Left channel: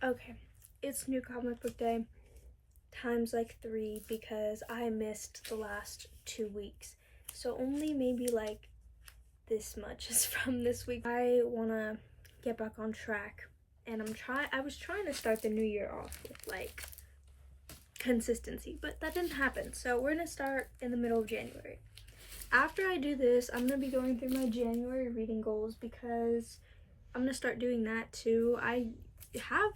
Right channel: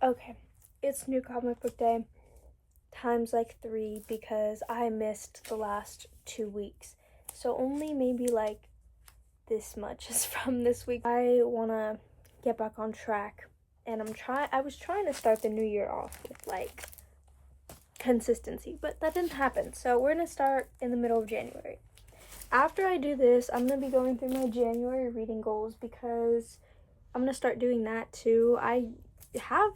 Okay, it's new comic book day times like 3 because I missed the last 2 weeks. So only maybe like this much is from this week. I want to get back on track, and I was trying to start the new year off with like consistency, but that didn't happen. So we're going to start in the middle of January. After I do this, I'm going to be going through my January reading goals because I'm going to start doing that too. I have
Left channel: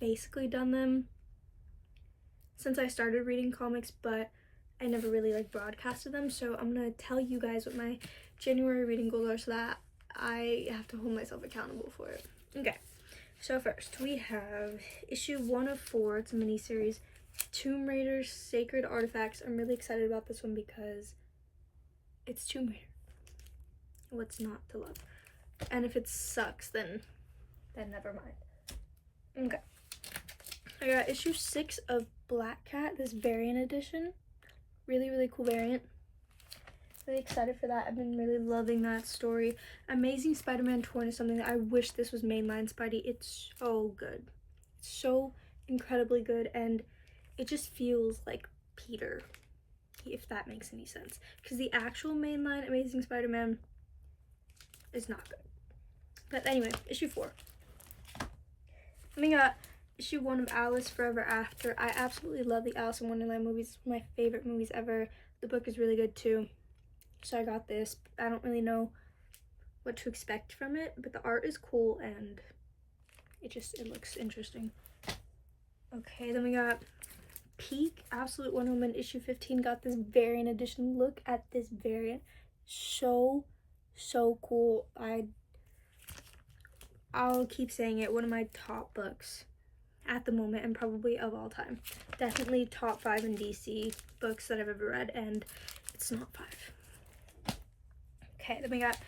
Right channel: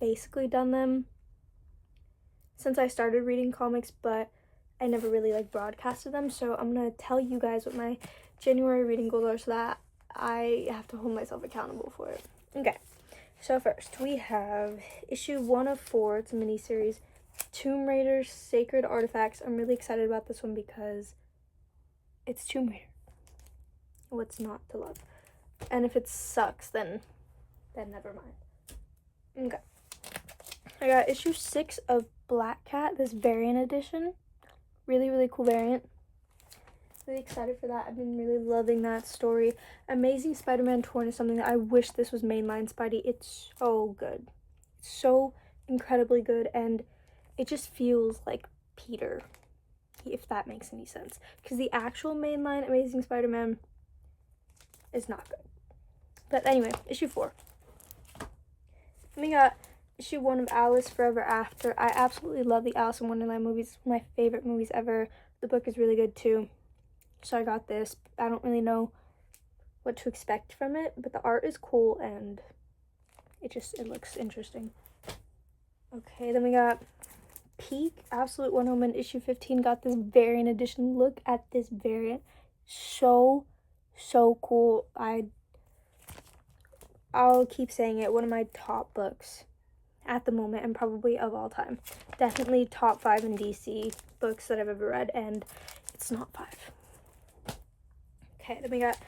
basically done them since I started reading comics, but I never really like broadcasted them. So I'm going to tell you guys what my January reading goals are so that I have to hold myself accountable for it. Okay, so first we have issue 1 of 4. It's a miniseries, Tomb Raider's Sacred Artifacts. I'm really excited about this one because it's Tomb Raider. What's not to love? And if it sucks, then never mind. Okay. I got issue 6 of Black Cat, this variant edition. Really, really cool variant. Really excited for that. I've been really loving that story. Amazing Spider-Man Torn is something that I wish this was mainline Spidey. It's so good. It's so incredibly good, and it just feels like Peter, if that makes any sense. Because the actual mainline Amazing Spider-Man is not good. But anyway, issue 4. We got issue 1 of Alice Forever After. I absolutely love the Alice in Wonderland movies. My favorite movies ever. The book is really good too. So I got this. I don't really know what to expect from it, but the art is cool and it looks interesting. Okay, then we got Peak Absolute Wonder Woman issue 15. Got this variant edition. Look at this variant. So cool. I'll keep saying it. One of my top books at the moment and probably of all time. Definitely top 5 in DC books that I've ever read, and it's not 5. Okay, then we got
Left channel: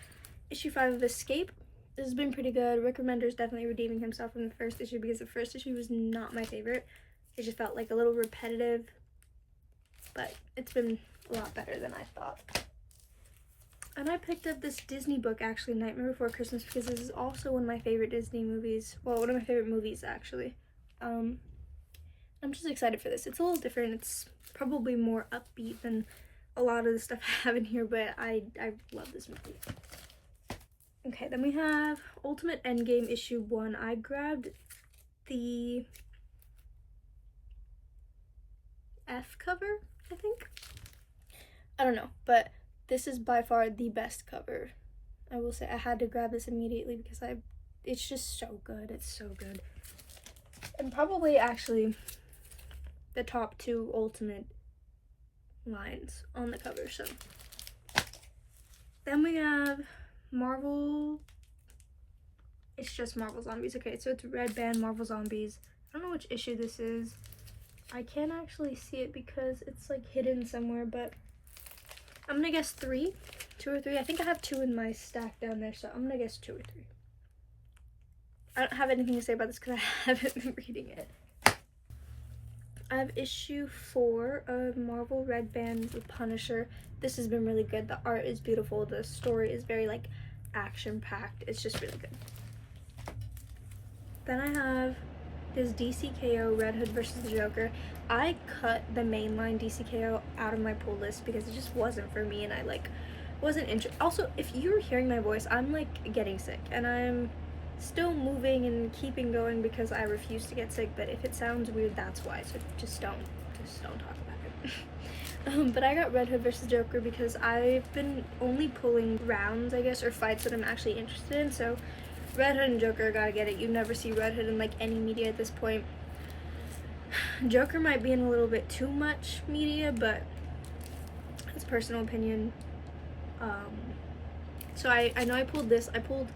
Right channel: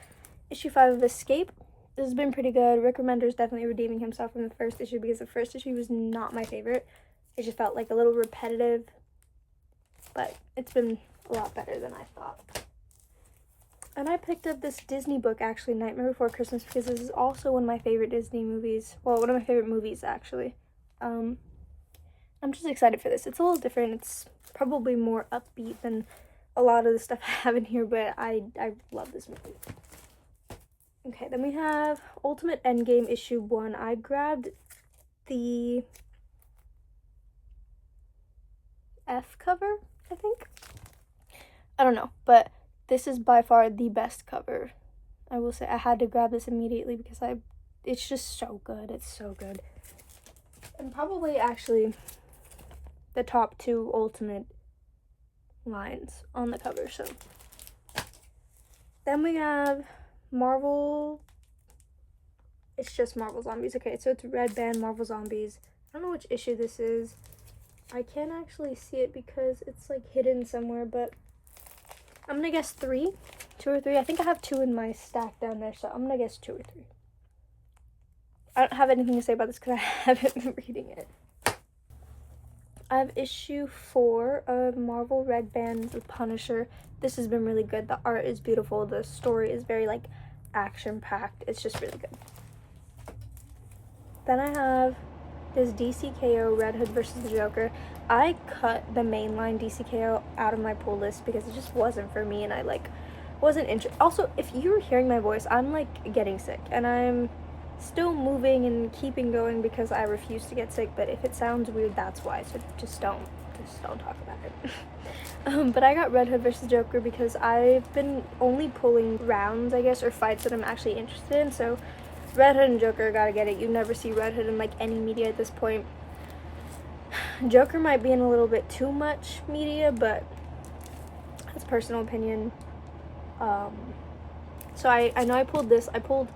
issue 5 of Escape. This has been pretty good. Rick Remender's definitely redeeming himself from the first issue because the first issue was not my favorite. It just felt like a little repetitive, but it's been a lot better than I thought. And I picked up this Disney book, actually, Nightmare Before Christmas, because this is also one of my favorite Disney movies. Well, one of my favorite movies, actually. I'm just excited for this. It's a little different. It's probably more upbeat than a lot of the stuff I have in here, but I love this movie. Okay, then we have Ultimate Endgame issue 1. I grabbed the F cover, I think. I don't know, but this is by far the best cover. I will say I had to grab this immediately because it's just so good. It's so good. And probably actually the top 2 Ultimate lines on the cover. So then we have Marvel. It's just Marvel Zombies. Okay, so it's Red Band Marvel Zombies. I don't know which issue this is. I can't actually see it because it's like hidden somewhere, but I'm gonna guess 2 or 3. I think I have 2 in my stack down there, so I'm gonna guess 2 or 3. I don't have anything to say about this because I haven't been reading it. I have issue 4 of Marvel Red Band The Punisher. This has been really good. The art is beautiful. The story is very like action-packed. It's just really good. Then I have this DCKO Red Hood versus the Joker. I cut the mainline DCKO out of my pull list because it just wasn't for me, and I like wasn't interested. Also, if you're hearing my voice, I'm like getting sick, and I'm still moving and keeping going because I refuse to get sick. But if it sounds weird, that's why. So just don't talk about it. But I got Red Hood versus Joker because I've been only pulling rounds, I guess, or fights that I'm actually interested in. So Red Hood and Joker, gotta get it. You never see Red Hood in like any media at this point. Joker might be in a little bit too much media, but that's personal opinion. So I know I pulled this. I pulled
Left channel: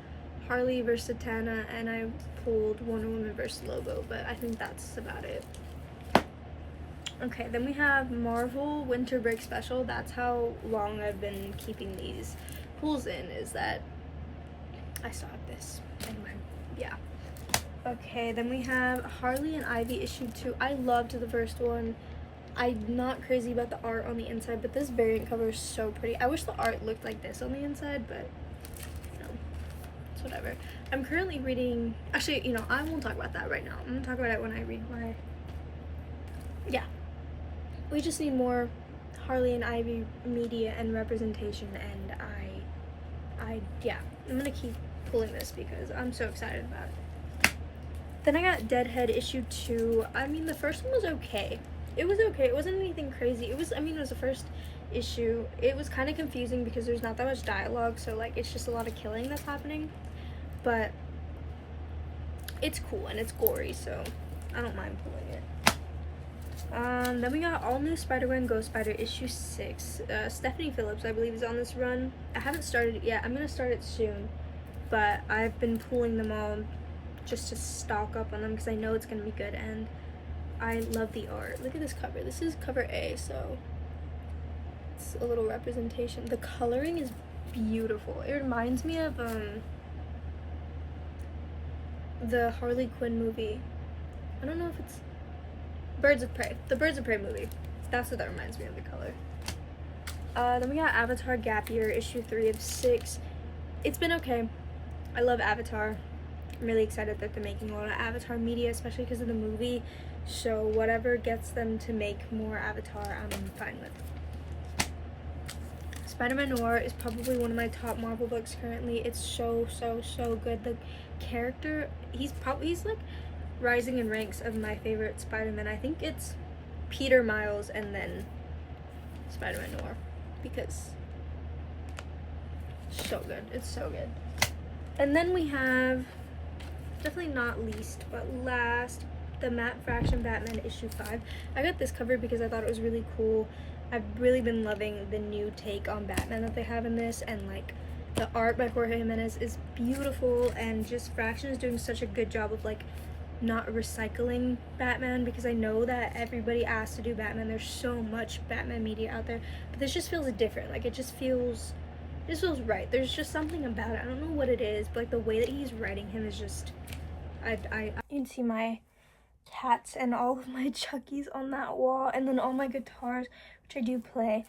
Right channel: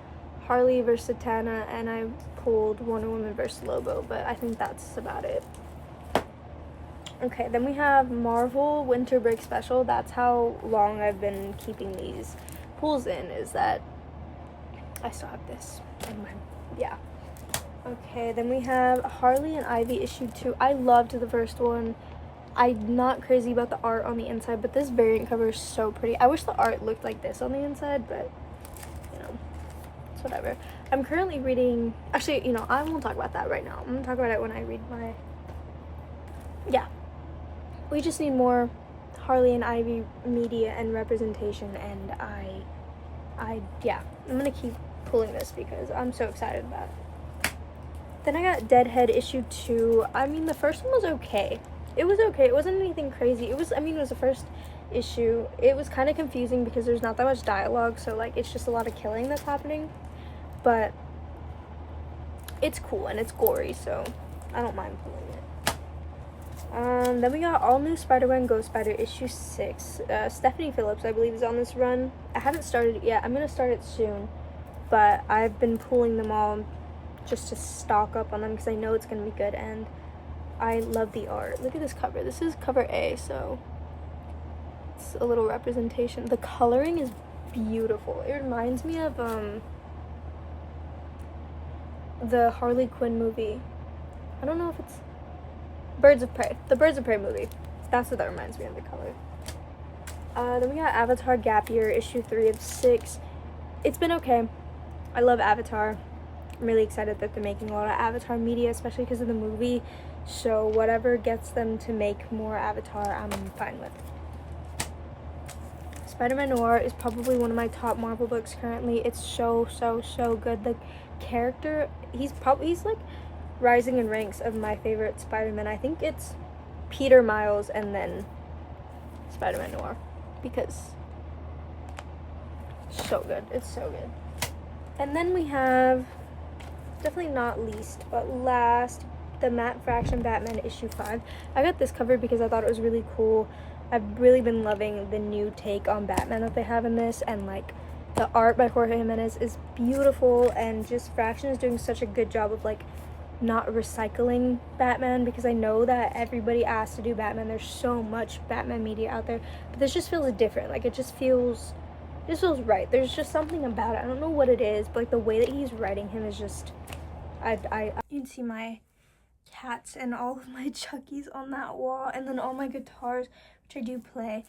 Harley versus Satana, and I pulled Wonder Woman versus Lobo, but I think that's about it. Okay, then we have Marvel Winter Break Special. That's how long I've been keeping these pulls in, is that I still have this in my, yeah. Okay, then we have Harley and Ivy issue 2. I loved the first one. I'm not crazy about the art on the inside, but this variant cover is so pretty. I wish the art looked like this on the inside, but you know, it's whatever. I'm currently reading, actually, you know, I won't talk about that right now. I'm gonna talk about it when I read my, yeah. We just need more Harley and Ivy media and representation, and yeah, I'm gonna keep pulling this because I'm so excited about it. Then I got Deadhead issue 2. I mean, the first one was okay. It was okay. It wasn't anything crazy. It was the first issue. It was kind of confusing because there's not that much dialogue, so like it's just a lot of killing that's happening. But it's cool and it's gory, so I don't mind pulling it. Then we got All New Spider-Man Ghost Spider issue 6. Stephanie Phillips, I believe, is on this run. I haven't started it yet. I'm gonna start it soon, but I've been pulling them all just to stock up on them because I know it's gonna be good, and I love the art. Look at this cover. This is cover A, so it's a little representation. The coloring is beautiful. It reminds me of the Harley Quinn movie. I don't know if it's Birds of Prey. The Birds of Prey movie. That's what that reminds me of, the color. Then we got Avatar Gap Year issue 3 of 6. It's been okay. I love Avatar. I'm really excited that they're making a lot of Avatar media, especially because of the movie. So whatever gets them to make more Avatar, I'm fine with. Spider-Man Noir is probably one of my top Marvel books currently. It's so good. The character, he's like rising in ranks of my favorite Spider-Man. I think it's Peter Miles and then Spider-Man Noir, because so good. It's so good. And then we have, definitely not least but last, the Matt Fraction Batman issue 5. I got this cover because I thought it was really cool. I've really been loving the new take on Batman that they have in this, and like the art by Jorge Jimenez is beautiful, and just Fraction is doing such a good job of like not recycling Batman, because I know that everybody asked to do Batman. There's so much Batman media out there, but this just feels different. Like it just feels right. There's just something about it. I don't know what it is, but like the way that he's writing him is just, you can see my cats and all of my Chuckies on that wall, and then all my guitars, which I do play.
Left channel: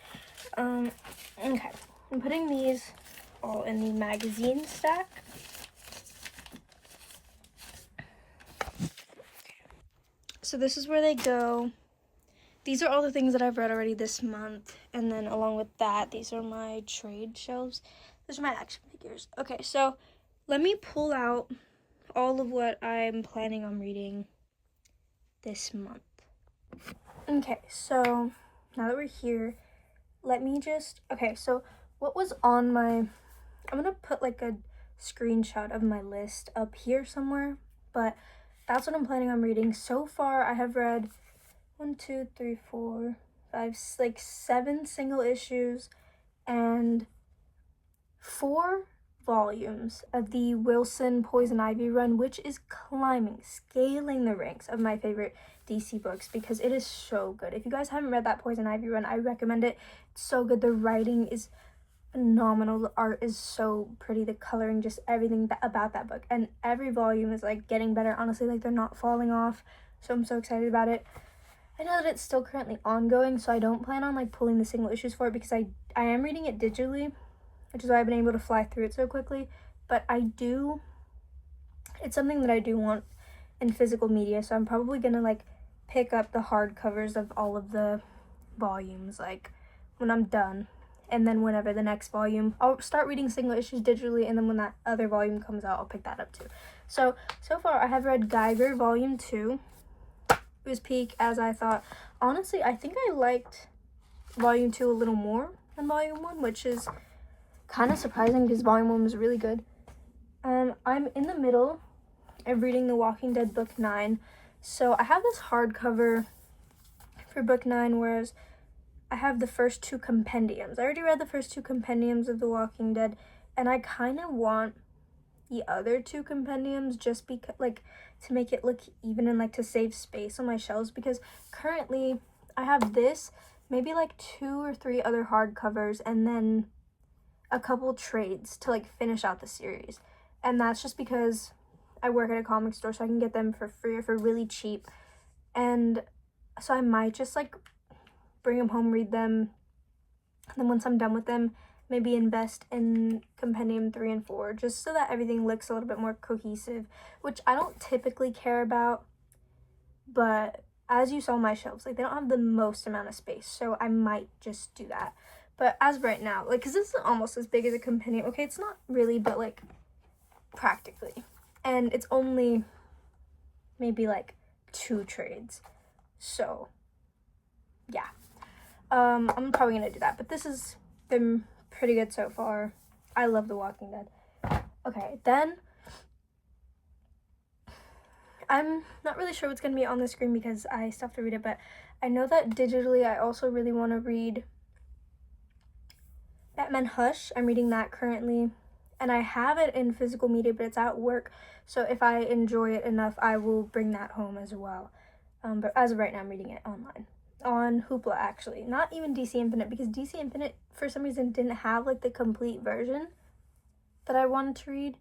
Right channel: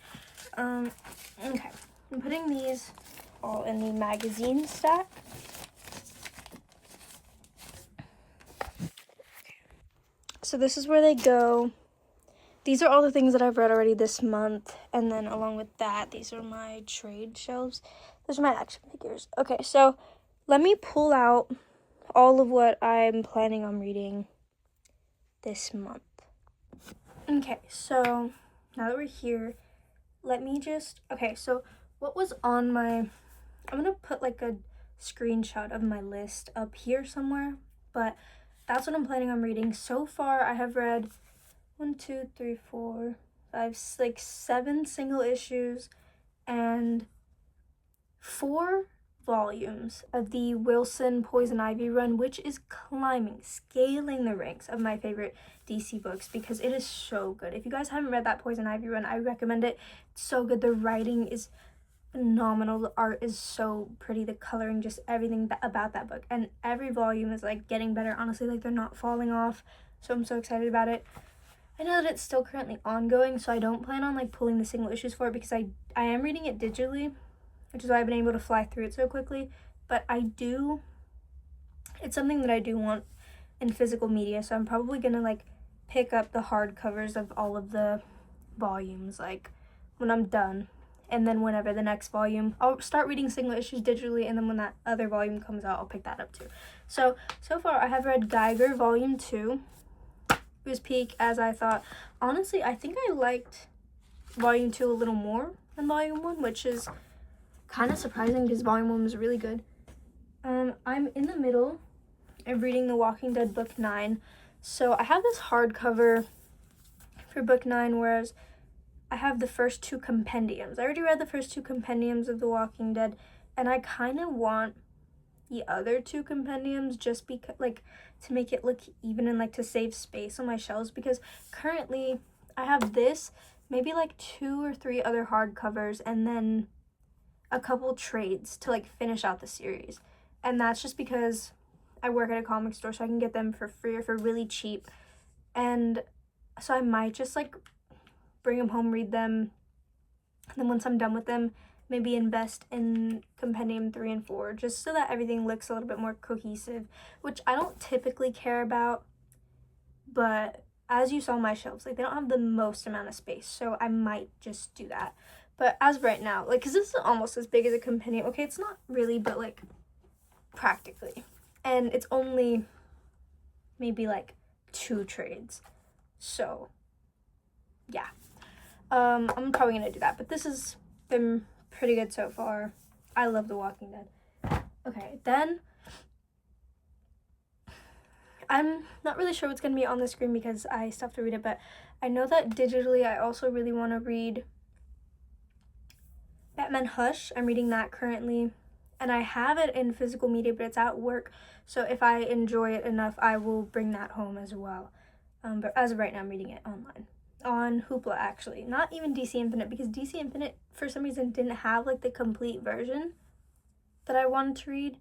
Okay, I'm putting these all in the magazine stack. So this is where they go. These are all the things that I've read already this month, and then along with that, these are my trade shelves. Those are my action figures. Okay, so let me pull out all of what I'm planning on reading this month. Okay, so now that we're here, let me just, okay, so what was on my, I'm gonna put like a screenshot of my list up here somewhere, but that's what I'm planning on reading. So far, I have read 1, 2, 3, 4, 5, like 7 single issues and 4 volumes of the Wilson Poison Ivy run, which is scaling the ranks of my favorite DC books because it is so good. If you guys haven't read that Poison Ivy run, I recommend it. It's so good. The writing is phenomenal. The art is so pretty. The coloring, just everything about that book. And every volume is like getting better. Honestly, like they're not falling off. So I'm so excited about it. I know that it's still currently ongoing, so I don't plan on like pulling the single issues for it because I am reading it digitally, which is why I've been able to fly through it so quickly. But it's something that I do want in physical media, so I'm probably gonna like pick up the hardcovers of all of the volumes like when I'm done, and then whenever the next volume, I'll start reading single issues digitally, and then when that other volume comes out, I'll pick that up too. So far I have read Geiger Volume 2. It was peak as I thought. Honestly, I think I liked Volume 2 a little more than Volume 1, which is kind of surprising because Volume 1 was really good. I'm in the middle of reading The Walking Dead Book 9. So I have this hardcover for Book 9, whereas I have the first 2 compendiums. I already read the first 2 compendiums of The Walking Dead, and I kind of want the other 2 compendiums just because, like, to make it look even and like to save space on my shelves, because currently I have this, maybe like 2 or 3 other hardcovers, and then a couple trades to like finish out the series. And that's just because I work at a comic store, so I can get them for free or for really cheap. And so I might just like bring them home, read them, and then once I'm done with them, maybe invest in Compendium 3 and 4, just so that everything looks a little bit more cohesive, which I don't typically care about, but as you saw my shelves, like, they don't have the most amount of space, so I might just do that. But as of right now, like, because this is almost as big as a compendium. Okay, it's not really, but, like, practically. And it's only maybe, like, 2 trades. So, yeah. I'm probably going to do that. But this has been pretty good so far. I love The Walking Dead. Okay, then I'm not really sure what's going to be on the screen because I still have to read it. But I know that digitally I also really want to read Batman Hush. I'm reading that currently, and I have it in physical media, but it's at work, so if I enjoy it enough, I will bring that home as well. But as of right now, I'm reading it online, on Hoopla, actually. Not even DC Infinite, because DC Infinite, for some reason, didn't have, like, the complete version that I wanted to read,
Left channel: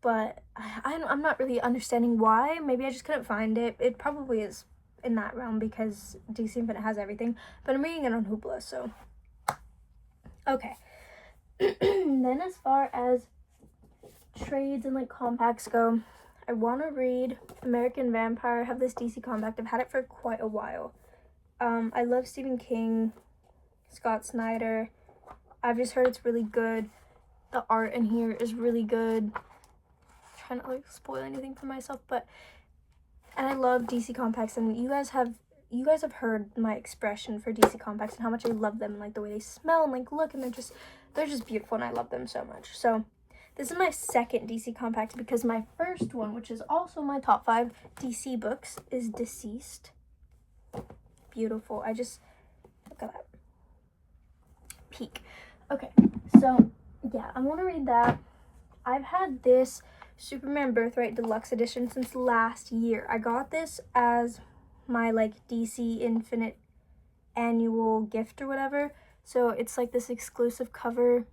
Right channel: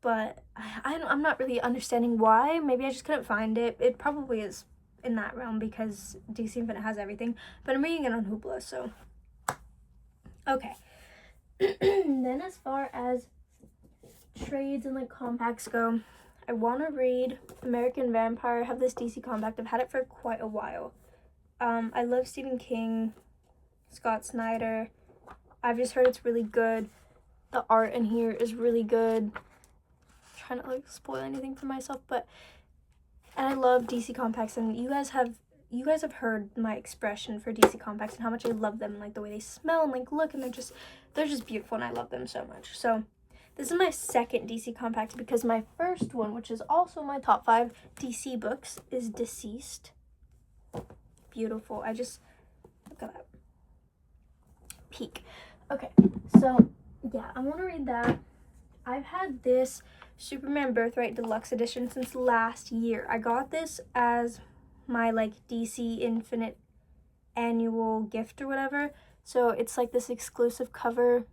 but I'm not really understanding why. Maybe I just couldn't find it. It probably is in that realm, because DC Infinite has everything, but I'm reading it on Hoopla, so... Okay. Then as far as trades and, like, compacts go, I want to read American Vampire. I have this DC compact. I've had it for quite a while. I love Stephen King, Scott Snyder. I've just heard it's really good. The art in here is really good. I'm trying to, like, spoil anything for myself, but... And I love DC compacts, and you guys have heard my expression for DC compacts and how much I love them, and, like, the way they smell and, like, look, and they're just beautiful, and I love them so much. So this is my second DC compact, because my first one, which is also my top 5 DC books, is Deceased. Beautiful. I just, look at that. Peak. Okay, so yeah, I want to read that. I've had this Superman Birthright Deluxe Edition since last year. I got this as my, like, DC Infinite annual gift or whatever. So it's, like, this exclusive cover,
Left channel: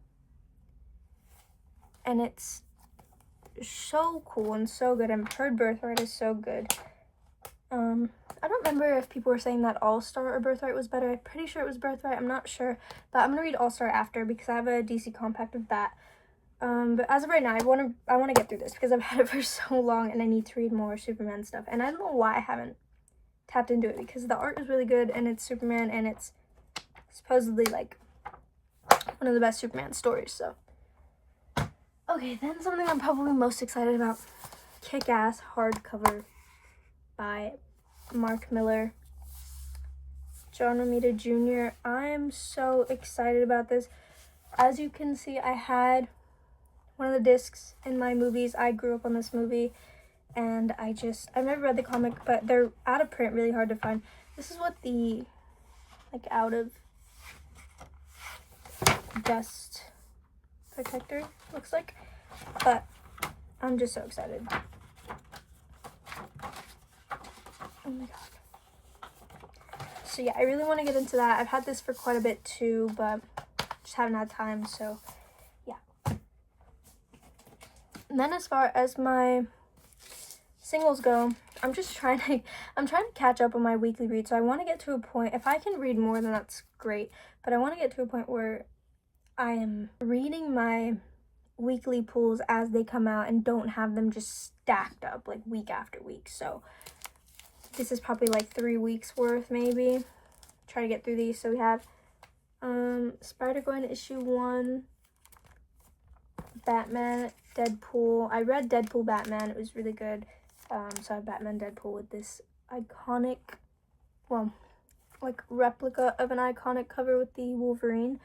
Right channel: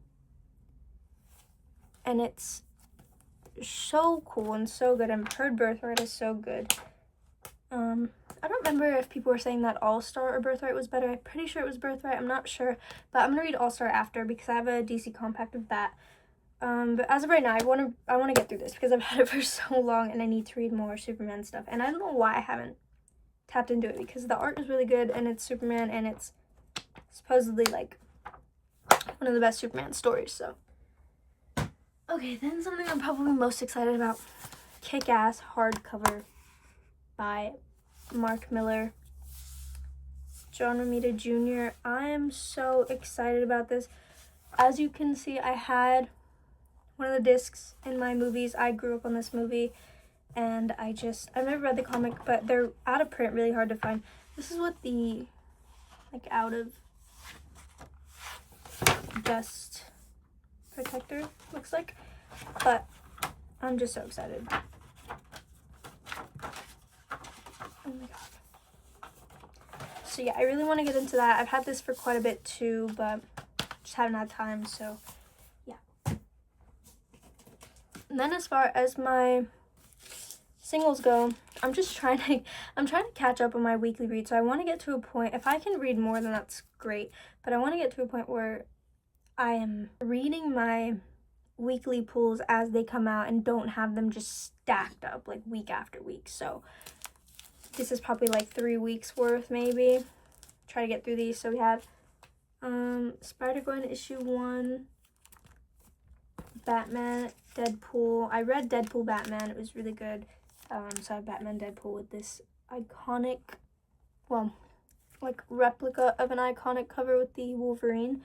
and it's so cool and so good. I've heard Birthright is so good. I don't remember if people were saying that All-Star or Birthright was better. I'm pretty sure it was Birthright. I'm not sure, but I'm gonna read All-Star after, because I have a DC compact of that. But as of right now, I want to get through this, because I've had it for so long, and I need to read more Superman stuff. And I don't know why I haven't tapped into it, because the art is really good, and it's Superman, and it's supposedly, like, one of the best Superman stories. So okay, then something I'm probably most excited about: Kick-Ass hardcover by Mark Miller, John Romita Jr. I am so excited about this. As you can see, I had one of the discs in my movies. I grew up on this movie, and I've never read the comic, but they're out of print, really hard to find. This is what the, like, out of dust protector looks like, but I'm just so excited. Oh my god. So yeah, I really want to get into that. I've had this for quite a bit too, but just haven't had time, so yeah. And then as far as my singles go, I'm trying to catch up on my weekly read. So I want to get to a point, if I can read more, then that's great, but I want to get to a point where I am reading my weekly pulls as they come out and don't have them just stacked up, like, week after week. So this is probably, like, 3 weeks worth, maybe. Try to get through these. So we have Spider-Gwen issue 1, Batman, Deadpool. I read Deadpool Batman. It was really good. So I have Batman Deadpool with this iconic, well, like, replica of an iconic cover with the Wolverine.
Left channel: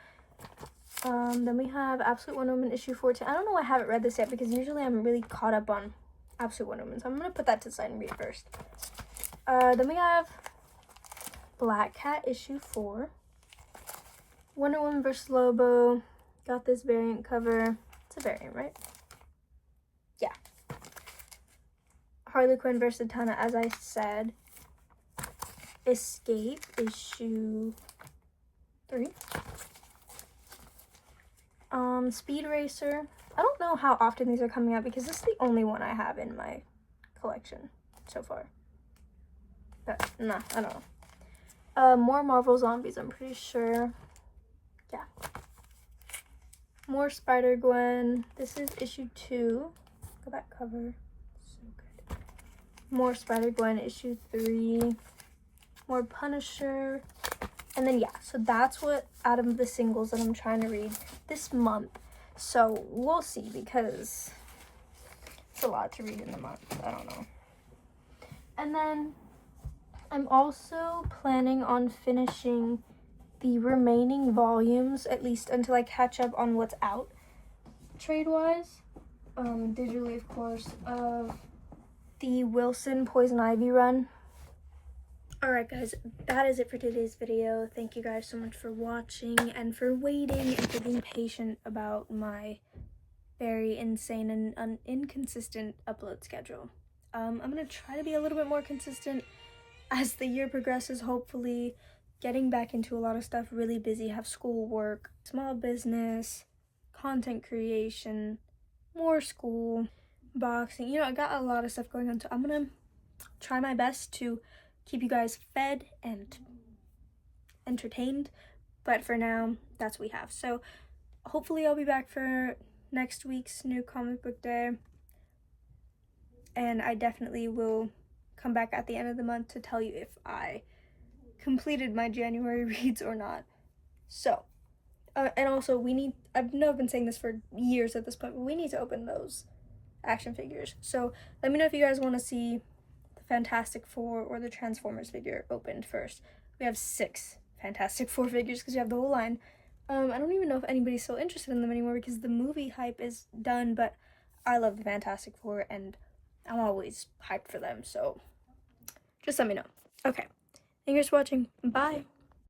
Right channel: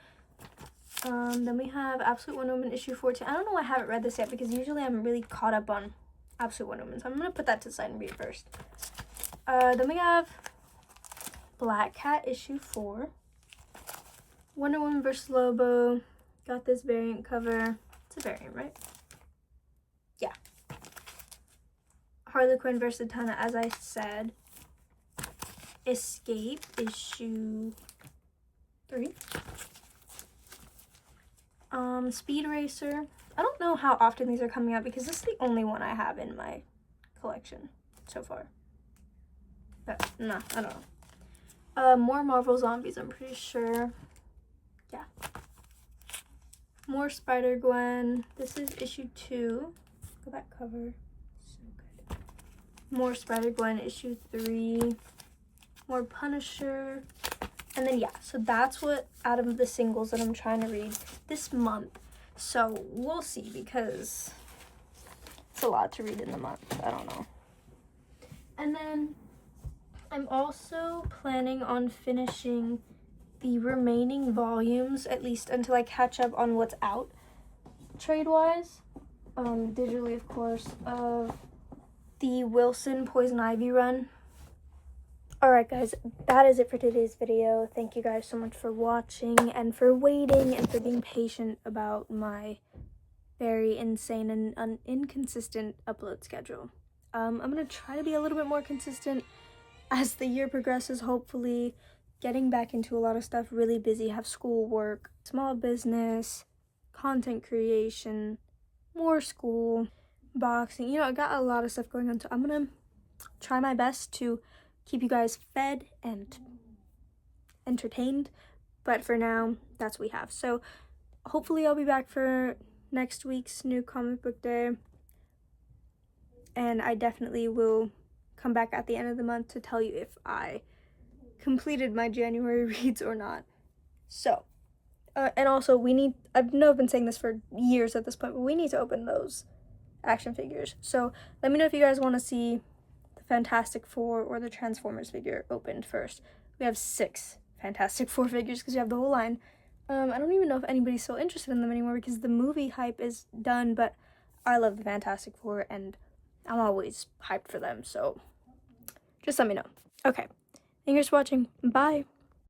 Then we have Absolute Wonder Woman issue 14. I don't know why I haven't read this yet, because usually I'm really caught up on Absolute Wonder Woman. So I'm going to put that to the side and read it first. Then we have Black Cat issue 4. Wonder Woman vs. Lobo. Got this variant cover. It's a variant, right? Yeah. Harley Quinn vs. Zatanna, as I said. Escape issue 3. Speed Racer. I don't know how often these are coming out, because this is the only one I have in my collection so far. But, nah, I don't know. More Marvel Zombies, I'm pretty sure. Yeah. more Spider-Gwen. This is issue 2. Look at that cover. So good. More Spider-Gwen, issue 3. More Punisher. And then, yeah, so that's what out of the singles that I'm trying to read this month. So we'll see, because it's a lot to read in the month. I don't know. And then I'm also planning on finishing the remaining volumes, at least until I catch up on what's out trade-wise, digitally, of course, of the Wilson Poison Ivy run. Alright guys, that is it for today's video. Thank you guys so much for watching and for waiting and for being patient about my very insane and inconsistent upload schedule. I'm going to try to be a little bit more consistent as the year progresses, hopefully. Getting back into a lot of stuff, really busy, have school work, small business, content creation, more school, boxing. You know, I got a lot of stuff going on, so I'm going to try my best to keep you guys fed and entertained, but for now, that's what we have. So hopefully I'll be back for next week's new comic book day, and I definitely will come back at the end of the month to tell you if I completed my January reads or not. So, and also I know I've been saying this for years at this point, but we need to open those action figures. So let me know if you guys want to see the Fantastic Four or the Transformers figure opened first. We have 6 Fantastic Four figures because we have the whole line. I don't even know if anybody's still interested in them anymore because the movie hype is done, but I love the Fantastic Four and I'm always hyped for them, so just let me know. Okay. Thank you guys for watching. Bye.